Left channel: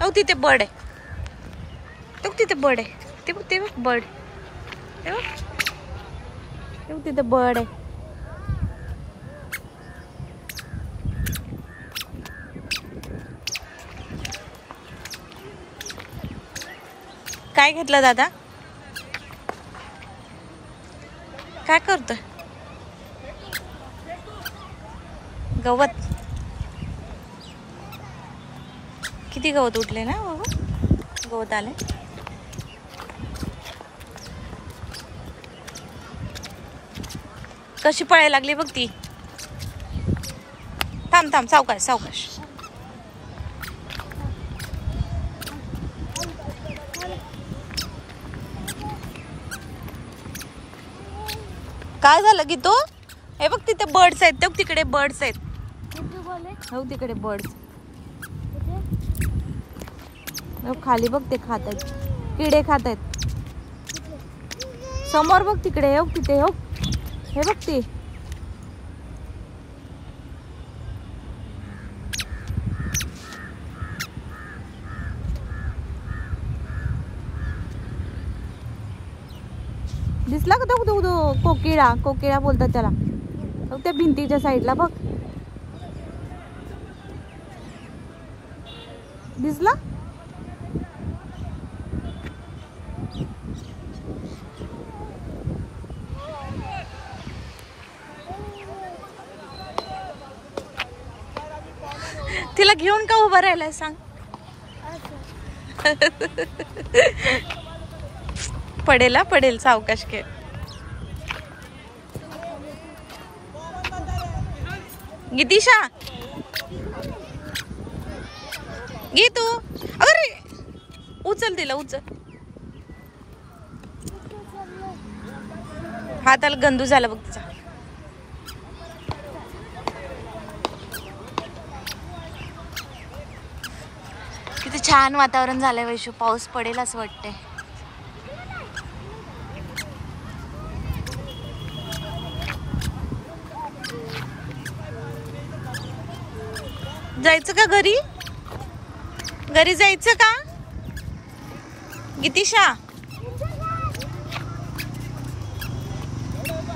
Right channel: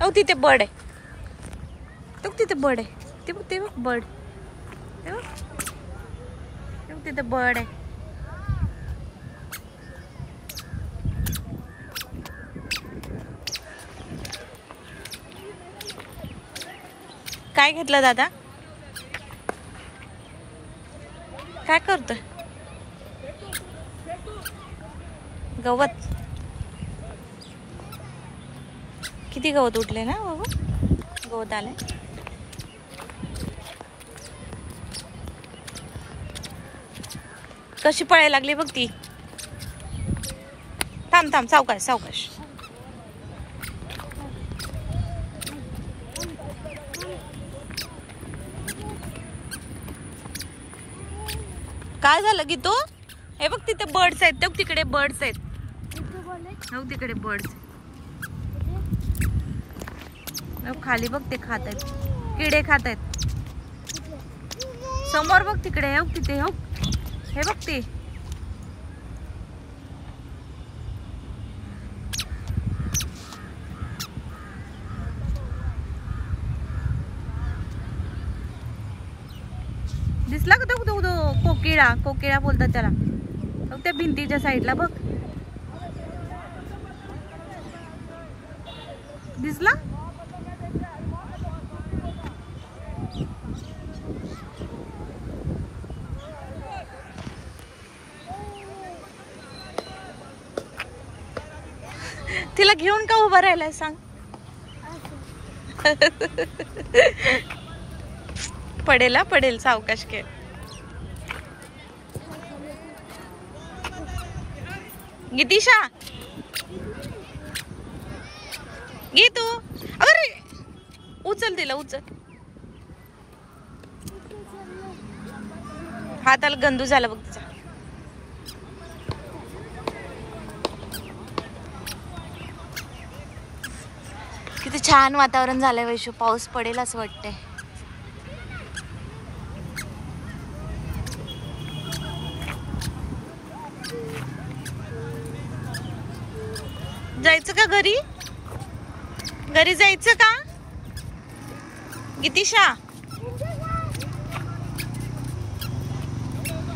अहो तिथे बर्ड आहे. तो तिथे बर्ड आहे. ते बघ बर्ड. ते बघ तिथे बर्ड आहे. काय घेतलं दादा? काय करतोय? गवत. किती गवत उठले ना बाबा. गवत आले. कशी पळायला लागली बघ ती. थांब थांब सावकाश सावकाश. काय झालं की तू? हे बघ तिथे बर्ड्स आहेत. बघ तिकडे बर्ड्स आहेत. हो तिकडे बर्ड्स. खाली बघ ते खात आहेत. किडे खात आहेत. समोर बघ तिकडे. हो तिथे. हो हे बघ ते. दिसला का तो कोकिळा? कोकिळा बोलतात त्याला. त्या भिंतीच्या साईडला बघ. दिसला? तिला घेऊन का उभा राहिलाय सांग? पडेल पडेल. सावकाश के. गितीशा घे तू. अरे उचल तिला उचल. हाताला गंदू झाला बघ तिचा. किती छान वातावरण झालंय वैशू. पाऊस पडेल असं वाटतंय. जायचं का घरी? घरी जायचं का गितीशा?